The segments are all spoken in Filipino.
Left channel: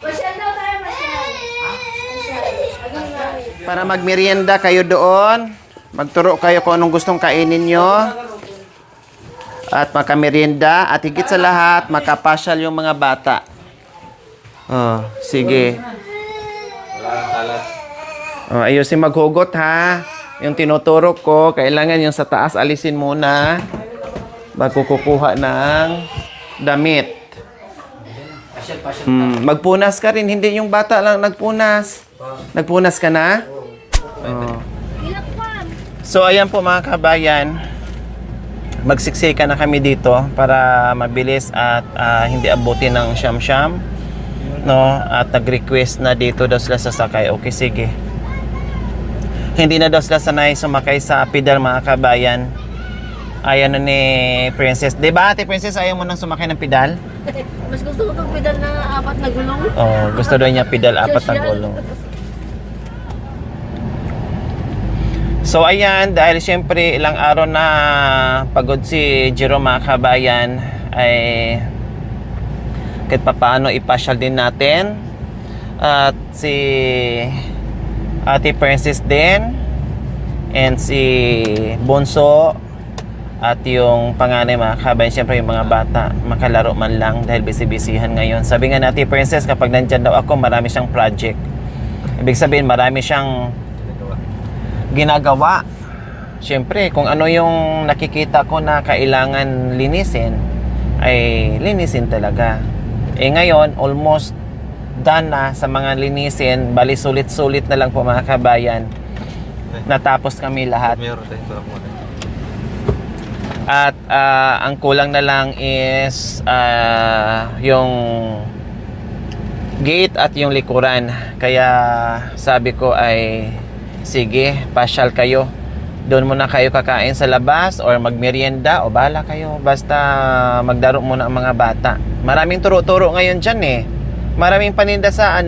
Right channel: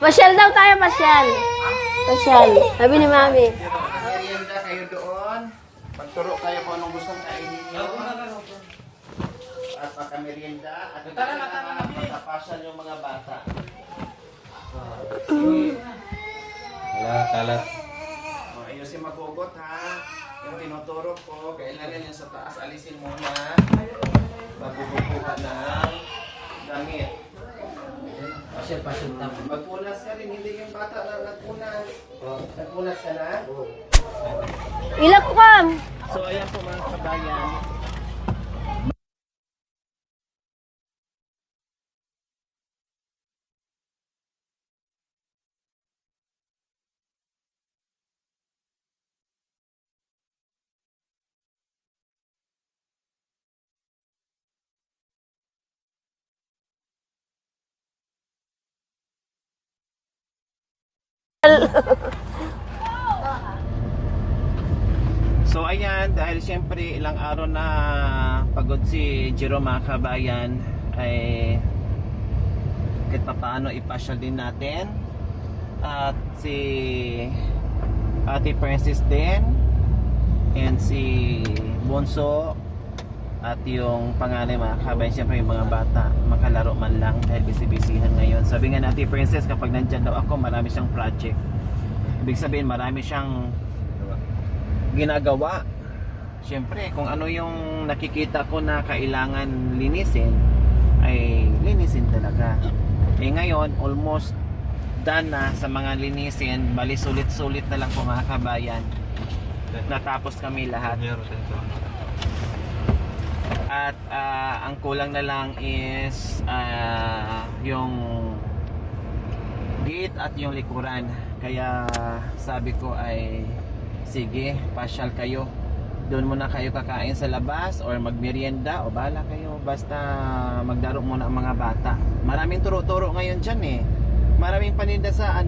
Pasyal daw tayo, pasyal. Pasyal. Sabi ni Mami. Para magmerienda kayo doon. Magturo kayo kung anong gustong kainin nyo. At makamerienda. At higit sa lahat, makapasyal yung mga bata. Oh, sige. Oh, ayusin maghugot ha. Yung tinuturo ko, kailangan yung sa taas alisin muna. Bago kukuha ng damit. Magpunas ka rin. Hindi yung bata lang nagpunas. Nagpunas ka na? Oh. Ilak ka. So, ayan po mga kabayan. Magsiksika na kami dito para mabilis at hindi abutin ng siyam-siyam. No? At nag-request na dito daw sila sasakay. Okay, sige. Hindi na daw sila sanay sumakay sa pedal mga kabayan. Ayan na ni Princess. Diba Ate Princess, ayaw mo nang sumakay ng pedal? Mas gusto ko itong pedal na 4 na gulong. Oh, gusto daw niya pedal 4 na gulong. So ayan, dahil siyempre ilang araw na pagod si Jerome mga kabayan, ay kahit papaano ipasyal din natin. At si Ate Princess din, and si Bonso, at yung panganay mga kabayan, siyempre yung mga bata, makalaro man lang dahil busy-busyhan ngayon. Sabi nga natin Princess, kapag nandyan daw ako, marami siyang project. Ibig sabihin, marami siyang ginagawa. Siyempre, kung ano yung nakikita ko na kailangan linisin, ay linisin talaga. Eh ngayon, almost done na sa mga linisin. Bali, sulit-sulit na lang po mga kabayan. Natapos kami lahat. At ang kulang na lang is yung gate at yung likuran. Kaya sabi ko ay sige, pasyal kayo. Doon muna kayo kakain sa labas or magmerienda o bahala kayo. Basta magdaro muna ang mga bata. Maraming turo-turo ngayon dyan eh. Maraming paninda sa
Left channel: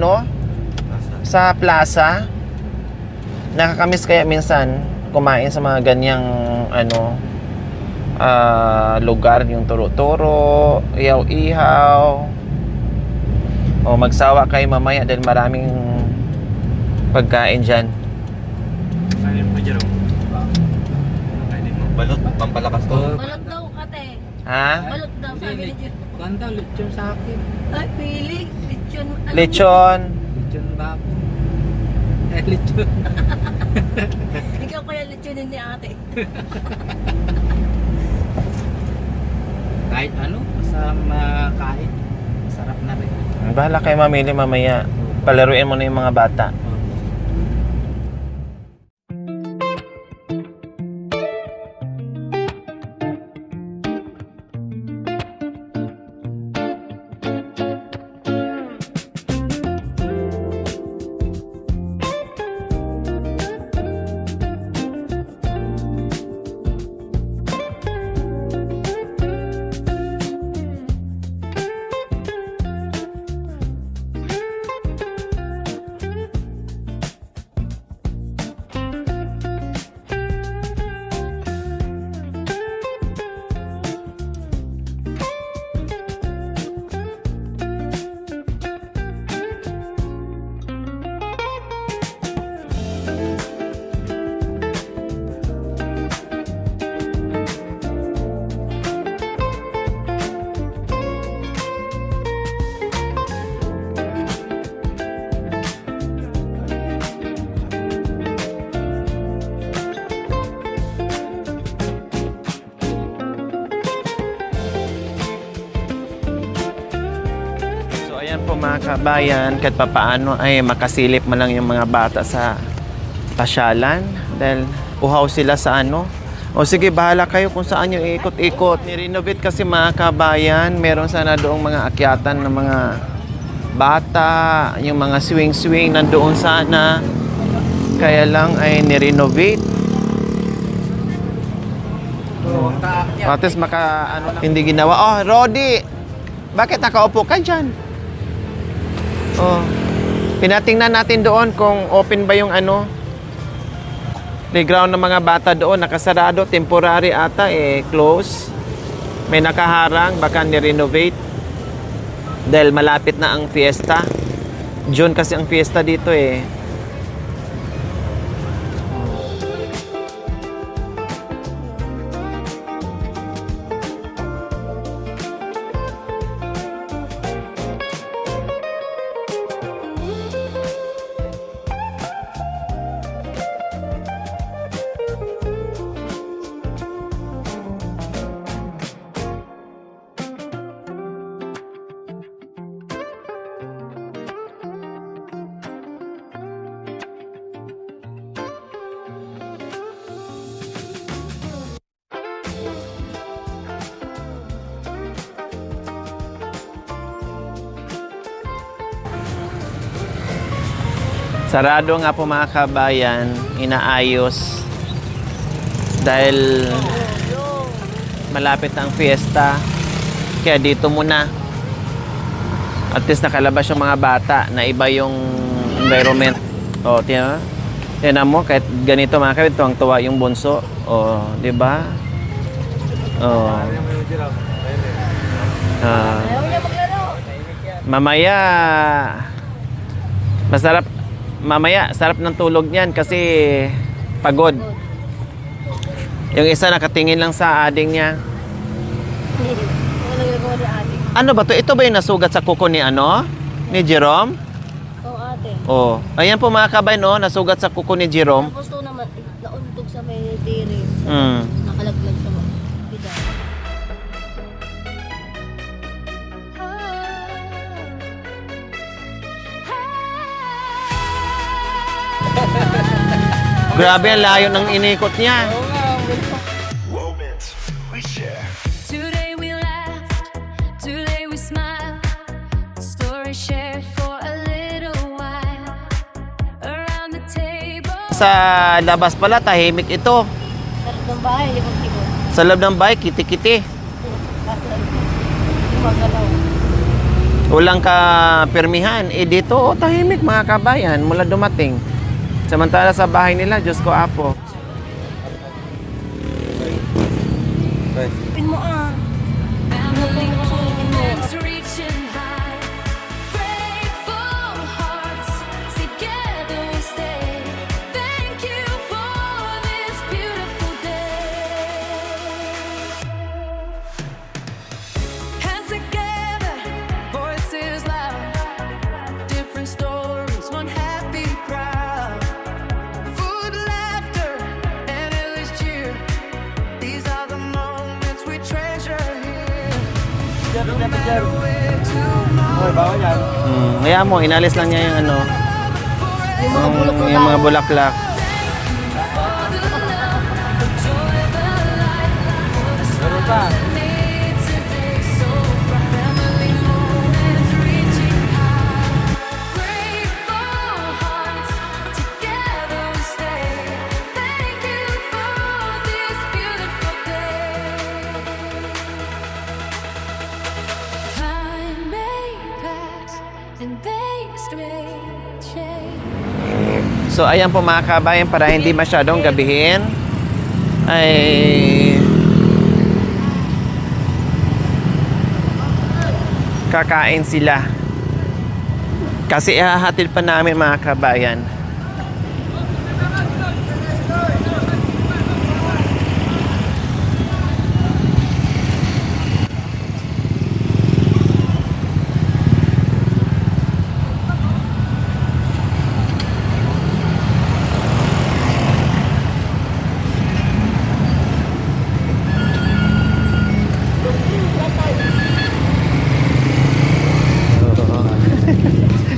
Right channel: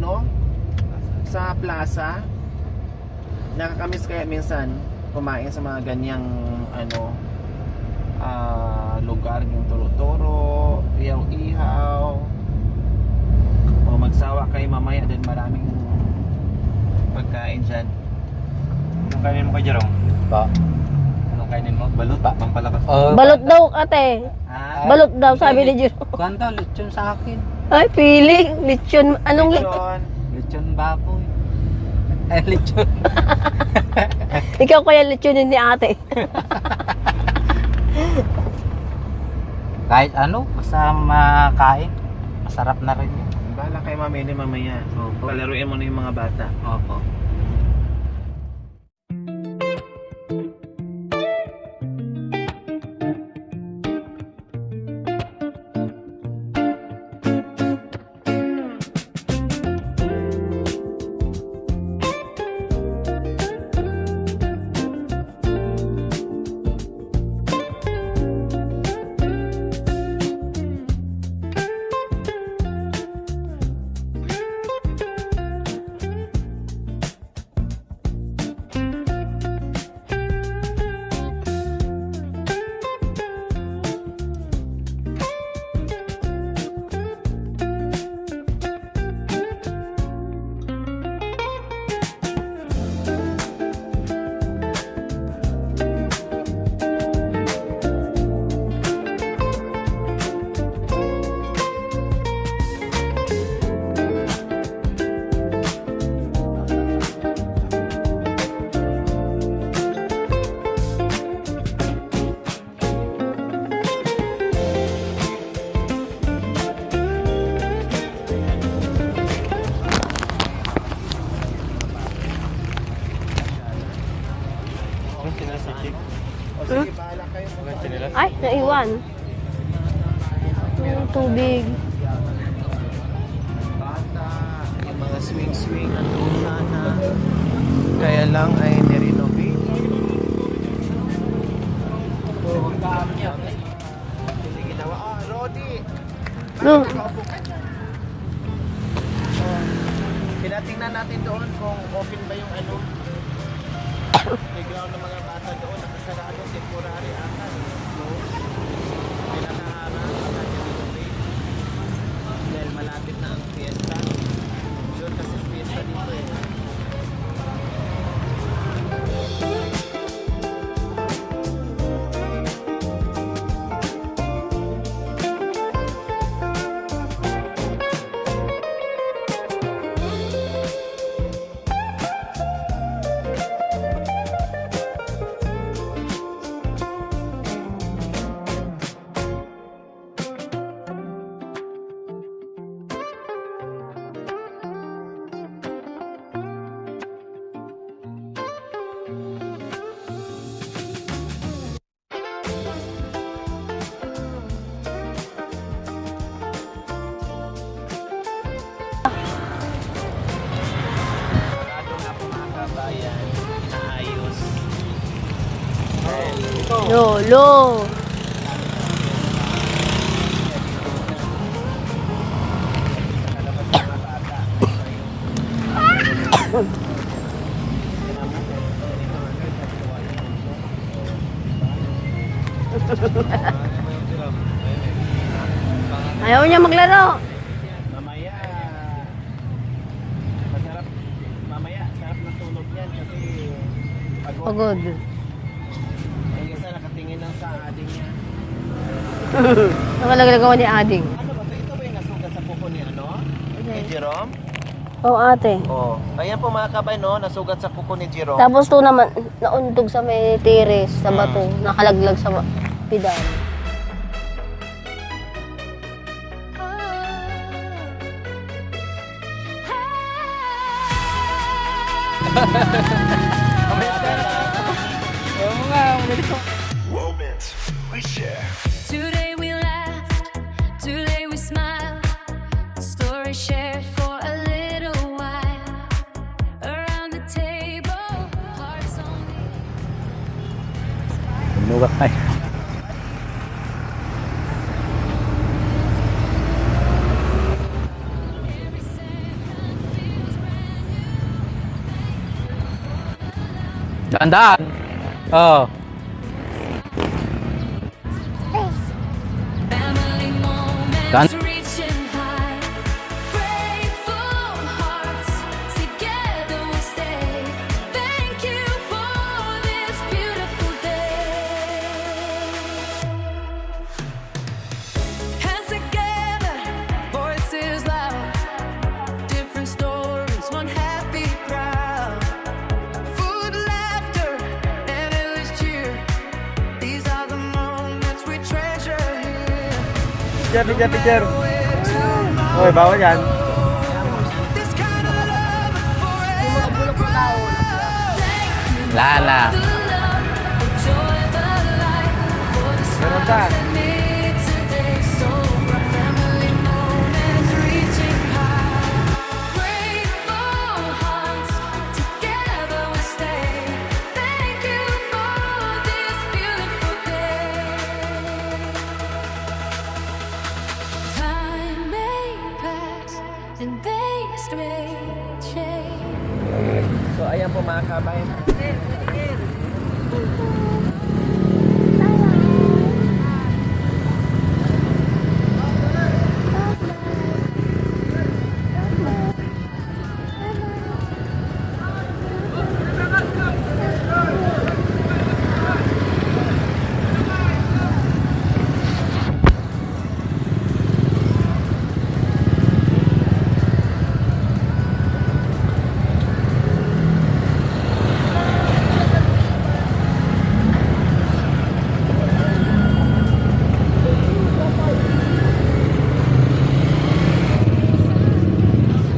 sa plaza. Nakakamiss kaya minsan kumain sa mga ganyang lugar, yung turo-turo, ihaw-ihaw. O magsawa kayo mamaya dahil maraming pagkain dyan. Anong kainin mo, Jerome? Ba? Anong kainin mo? Balot, pampalakas. Balot daw, ate. Ha? Balot daw, sabi ni Jiro. Ganda, lechon sa akin. Ay, piling. Lechon. Anong Lechon. Lechon baboy. Lechon. Ikaw kaya lechonin ni ate. Kahit ano, basta makain. Masarap na rin. Bahala kayo mamili mamaya. Palaruin mo na yung mga bata. Oo. Kabayan, kahit papaano ay makasilip man lang yung mga bata sa pasyalan dahil uhaw sila sa o sige, bahala kayo kung saan yung ikot-ikot. I-renovate kasi mga kabayan, meron sana doong mga akyatan ng mga bata, yung mga swing-swing nandoon sana, kaya lang ay ni-renovate. Pates hindi ginawa. Oh, Rodi, bakit nakaupo ka dyan? Oh, pinatingnan natin doon kung open ba yung playground ng mga bata doon. Nakasarado, temporary ata close. May nakaharang, baka ni-renovate dahil malapit na ang fiesta. June kasi ang fiesta dito eh. Sarado nga po mga kabayan, inaayos dahil Lolo. malapit ang fiesta. Kaya dito muna. At least nakalabas yung mga bata na iba yung environment. O, tiyan mo, kahit ganito mga kabit, tuwang-tuwa yung bunso. O, di ba? O. Ayaw niya maglaro. Mamaya, masarap. Mamaya, sarap ng tulog niyan kasi pagod. Good. Yung isa nakatingin lang sa ading niya. Ang nagagawa ni Ading. Ano ba to? Ito ba yung nasugat sa kuko ni ano? Ni Jerome? Oo, ate. Oh. Ayan po mga kabayan, oh, nasugat sa kuko ni Jerome. Tapos to naman, nauntog sa may tiris, sa bato. Nakalaglag sa pedal. Grabe ang layo ng inikot niya. Moments we share. Today we laughed, today we smiled. The story shared for a little while. Around the table. Sa labas pala, tahimik ito. Sa loob ng bahay, kiti-kiti. Walang ka permihan. Eh dito, oh, tahimik mga kabayan mula dumating. Samantala sa bahay nila, Diyos ko apo. Tandaan. Oo. Family moments reaching high. Grateful hearts, together we stay. Thank you for this beautiful day. Hands together, voices loud. Different stories, one happy crowd. Food, laughter, and endless cheer. These are the moments we treasure here. No matter where tomorrow goes. Kaya mo, inalis lang niya yung ano, yung mga bulaklak. Lala. The love, the joy, the light, for the smiles that made today so bright. Family moments reaching high. Grateful hearts, together we stay. Thank you for this beautiful day. Time may pass and days may change. So ayan po mga kabayan, para hindi masyadong gabihin ay kakain sila. Kasi ihahatid pa namin mga kabayan.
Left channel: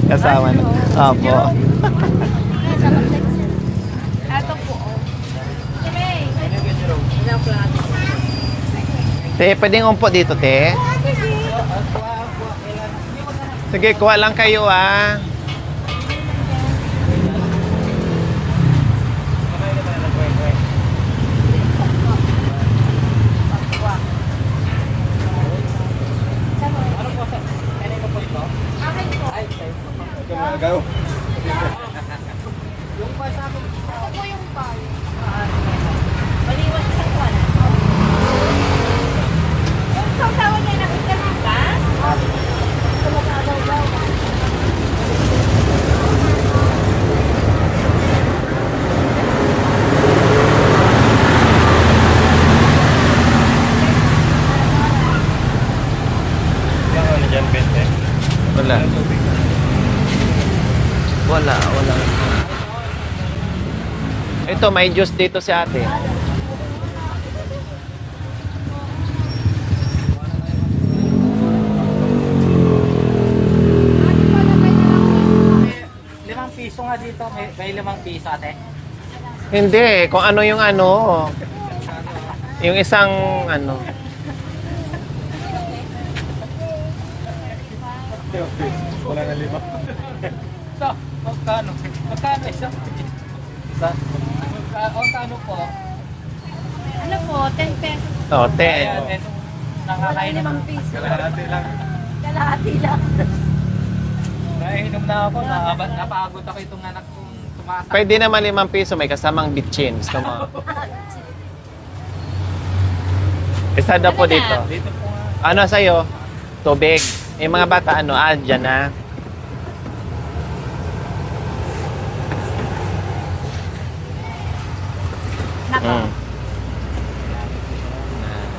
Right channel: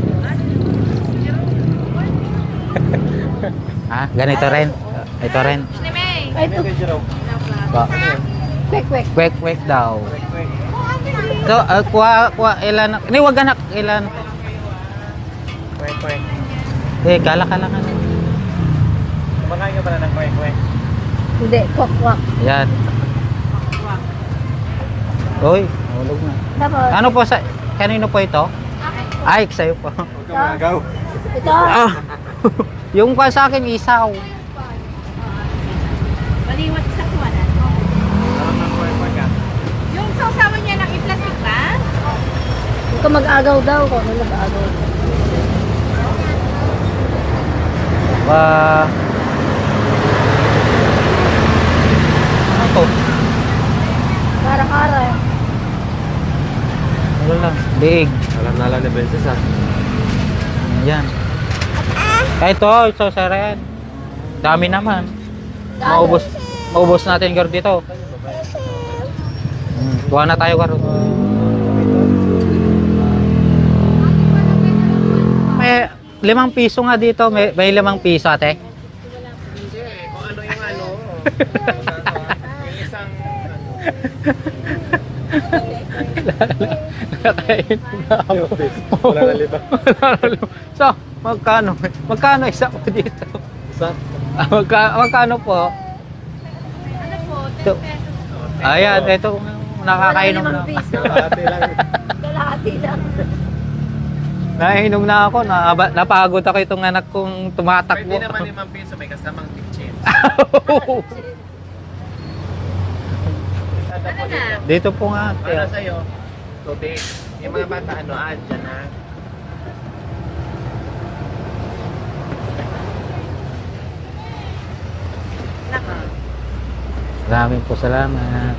Kasama na. Opo. Ah, ganito rin. Ito rin. Te, pwedeng umpo dito, te. So, kuha, ilan. Hindi, wag anak. Sige, Ilan- kuha lang kayo ah. Eh, gala ka na. Kumakain ka pala ng kwek-kwek. Hindi, kwak-kwak. Yan. Kwak. Uy. Tapos, Ano po sa... Kanino po ito? Ay, sa'yo po. ito, Ah, Yung pa sa akin, isaw. Baliwat sa kuwana. Yung sausawan niya ng iplastic ba? ito mag-agaw daw ko. Ano mag-agaw? Araw-araw. Big. Wala. Yan. Wala. Ito, sir yan. Dami Ito, may naman. juice dito si ate. Maubos natin gar dito. Kuha na tayo gar. May 5 piso nga dito. May 5 piso ate. Hindi, kung ano yung ano. Yung isang ano. So, magkano? Magkano isa po dito? Magkano po? Ano po? 10 pesos. Oh, te. Ayan, ito nakakainom na. 5 piso. Kalahati lang. Nainom na ako, napagod ako itong anak kong tumatakbo. Pwede naman 5 piso, may kasamang bitchin. Gusto mo? Isa na po dito. Dito po nga. Ano sa'yo? Tubig. Yung mga bata, ano, dyan na. Mm. Maraming po salamat.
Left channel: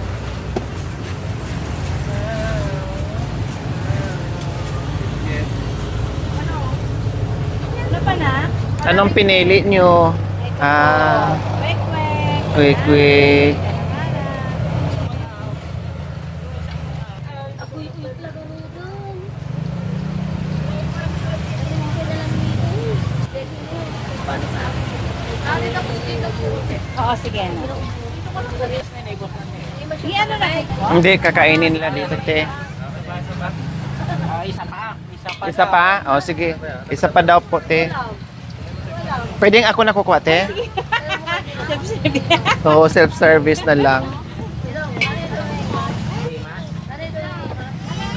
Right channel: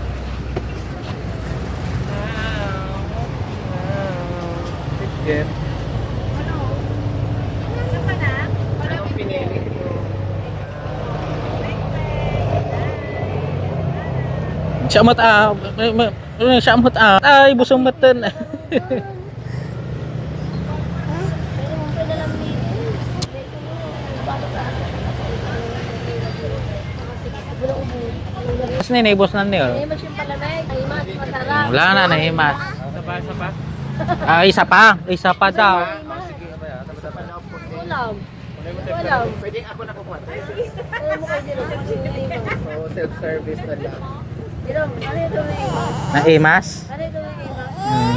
Ano pa na? Anong pinili nyo? Quick. Syamat syamat ay busong matan. Oo, sige. Mas ninibos na niyo. Hindi, kakainin. Wala na nahimas. Isa pa Isa daw. pa? O, sige. Isa pa daw po, te. Pwedeng ako nakukuha, te? Oo, self-service na lang. Nahimas?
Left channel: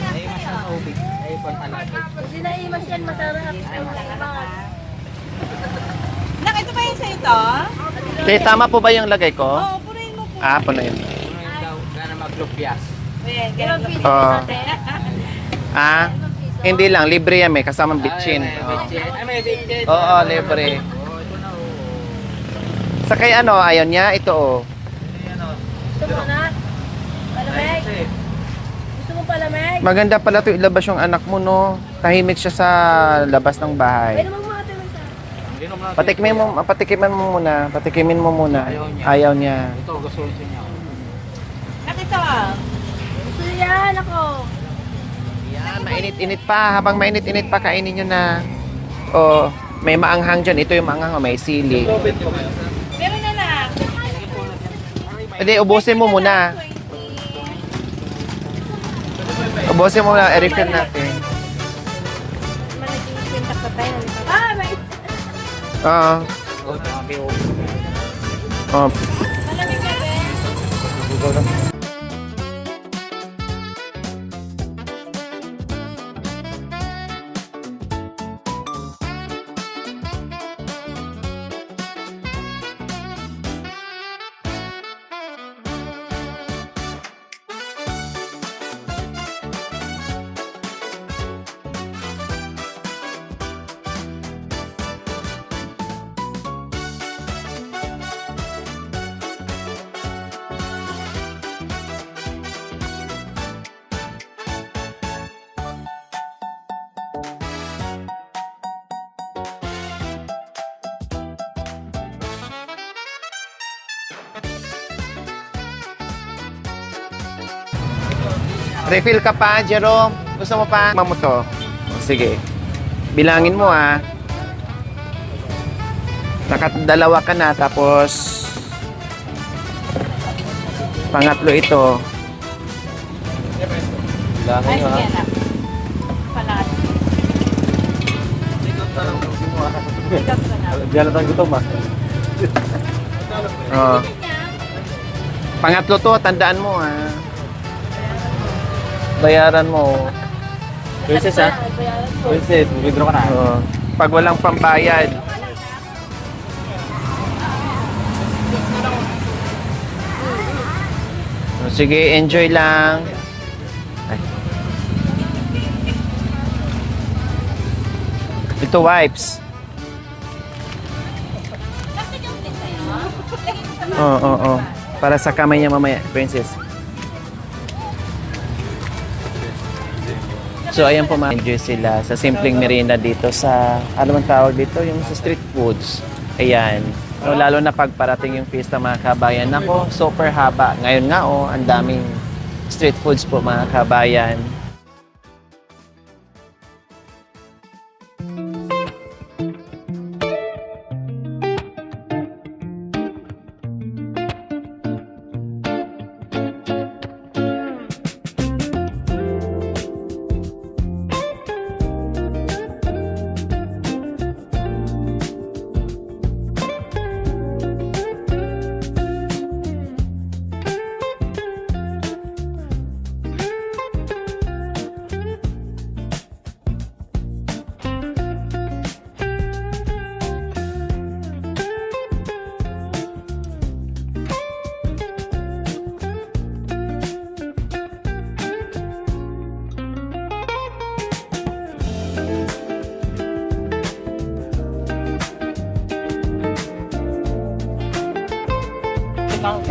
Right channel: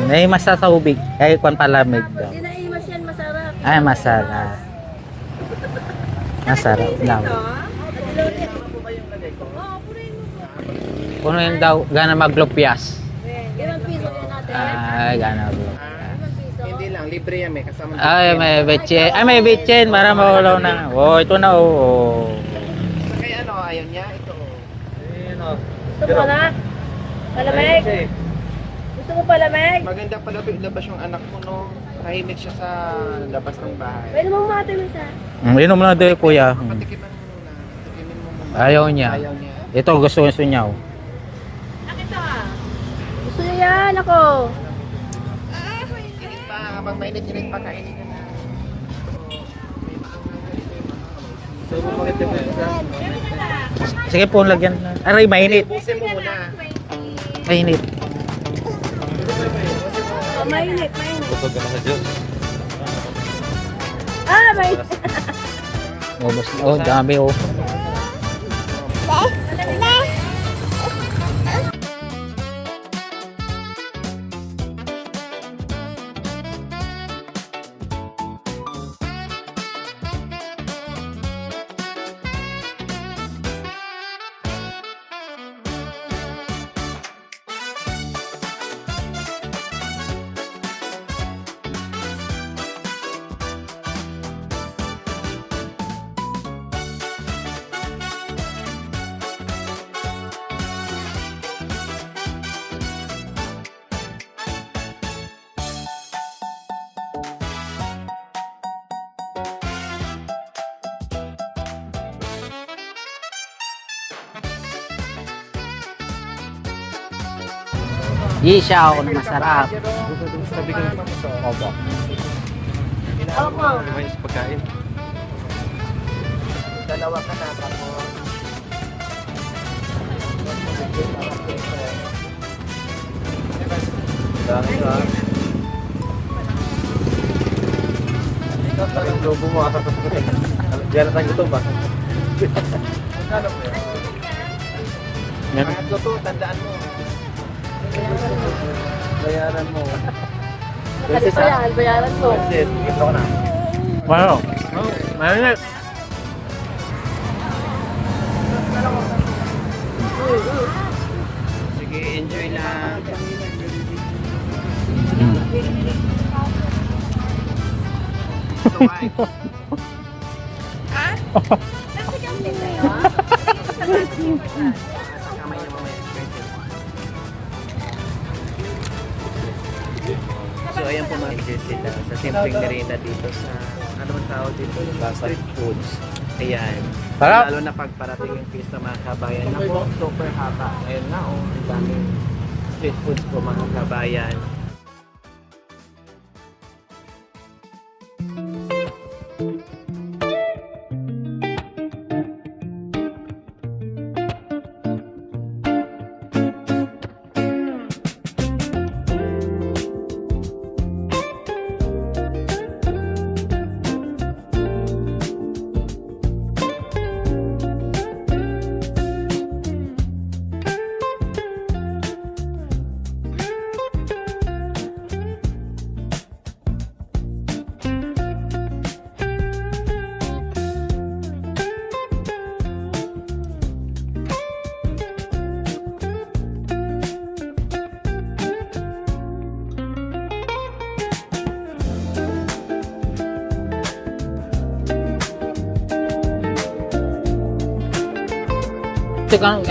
Nahimas sa tubig. Ay, kung palamig. Hindi na imas yan, masarap. Ay, masarap. Masarap daw. Te, tama po ba yung lagay ko? Punuin. Puno yun daw, gana maglupyas. 5 piso Oo. natin. Ay, gana. Hindi lang. Libre yan, may kasamang Ay, bitchin. may bitchin. Ay, may bitchin. Oo, Para maulo libre. na. Oh, ito na, oh. Sa kay ano, ayaw niya, ito, oh. Gusto mo na? Palamig? Gusto mo palamig? Maganda pala ito ilabas yung anak mo, no? Tahimik siya sa labas ng bahay. Pwede mo matulong sa... Inom na din, kuya. Patikimin mo muna. Patikimin mo muna. Ayaw niya. Ayaw niya. Ito, gusto niya. Oh. Gusto niya yan ako. Mainit-init pa. Habang mainit-init pa, kainin nyo na. O, may maanghang dyan. Ito yung maanghang, may sili. Sige po, lagyan. Aray, Hindi, mainit. ubusin mo muna. Mainit. Ubusin mo muna. I-refill natin. Ah, may... Oo. Oh, dami, oh. Oh. Isaw. Refill ka pa, Jerome. Gusto mo pa? Mamuto. Sige. Bilangin mo, ah. Nakadalawa ka na, tapos pangatlo ito. Diyan na gutom ba? Oh. Pangatlo to, tandaan mo, ah. Bayaran mo. Versus Bayaran ko. Versus, withdraw ka na. Oh. Pag walang pambayad. Sige, enjoy lang. Ito wipes. Oo. Para sa kamay niya mamaya, princess. So ayan po, ma-enjoy sila sa simpleng merienda dito sa, ano man tawag dito, yung sa street foods. Ayan. So, Sarap. lalo na pagparating yung pista mga kabayan. Nako, super haba. Ngayon nga ang daming street foods po mga kabayan.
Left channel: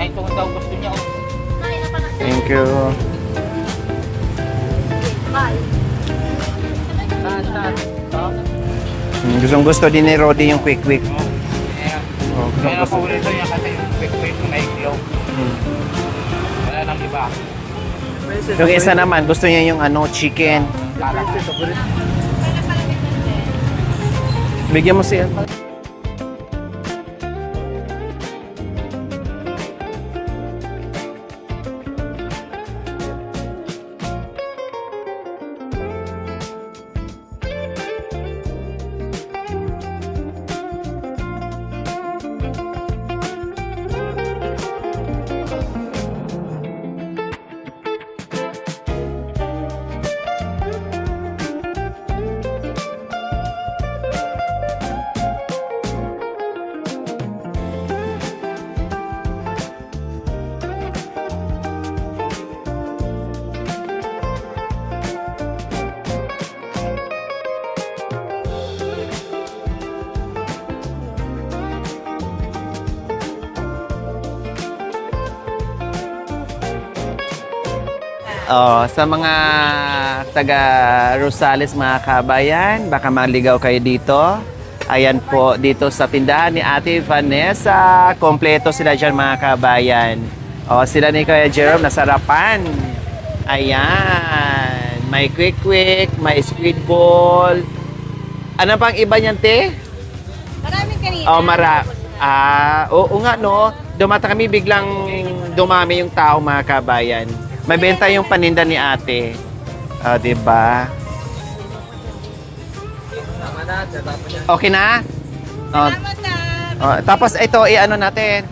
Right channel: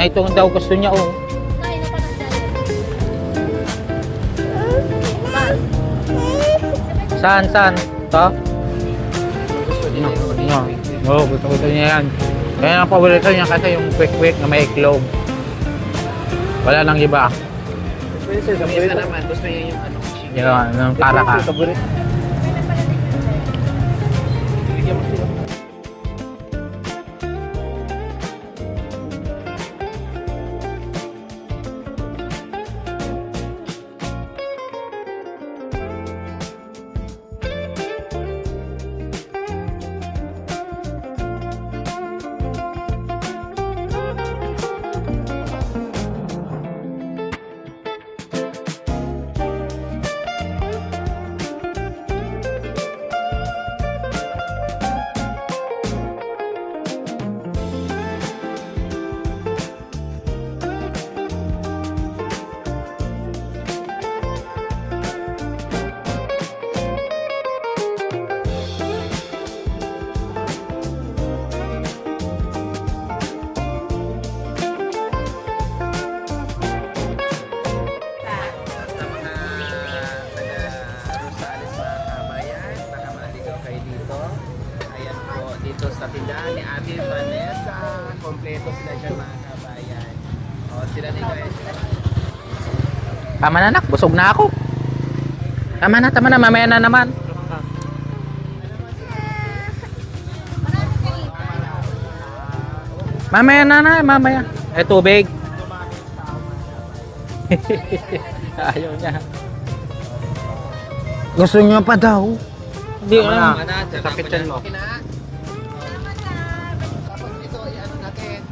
Ito daw gusto niya, oh. Thank you. Saan? Ito? Gustong-gusto din ni Rodi yung quick-quick. Oo, gusto niya yan. Kaya ang paborito niya kasi yung quick na may iklog. Wala nang iba. Yung isa naman, gusto niya yung chicken. Yan, yung karakas. Bigyan mo siya. Sa mga taga Rosales mga kabayan, baka maligaw kayo dito. Ayan po, dito sa tindahan ni Ate Vanessa. Kompleto sila dyan mga kabayan. Sila ni Kuya Jerome, nasarapan. Tama na, busog na ako. May quick-quick, Tama na, mamaya na naman. streetball. Ano pang iba niyan, te? Marami kanina. Oo nga, Mamaya no? na, Dumata mamaya. kami biglang May tubig. dumami yung tao mga kabayan. May benta yung paninda ni ate. Diba? Gusto niya pa daw. Hindi na. Okay na? Tapos ito, i-ano natin.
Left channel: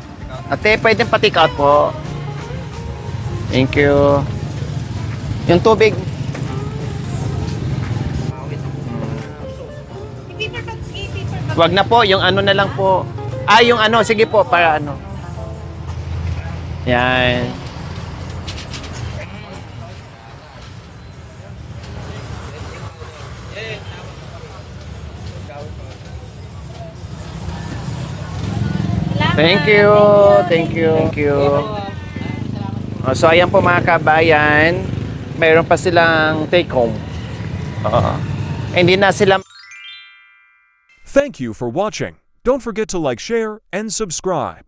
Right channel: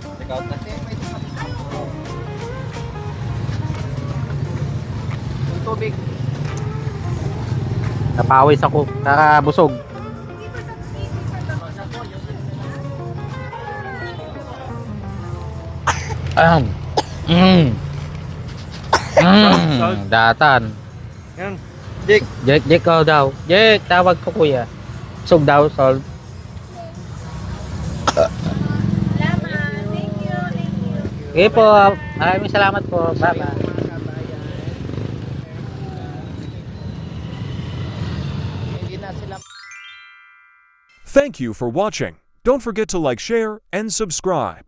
Ate, pwedeng pa-take out po. Thank you. Yung tubig. Napawis ako. Nakabusog. Wag na po, yung ano na lang po. Yung ano, sige po, para ano. Yan. Datan. Yan. Jake. Jake daw. Jake, tawag ko kuya. Busog daw, Sol. Thank you. Thank you. Okay po. Maraming salamat po. So, ayan po mga kabayan. Mayroon pa silang take home. Hindi na sila Thank you for watching. Don't forget to like, share, and subscribe.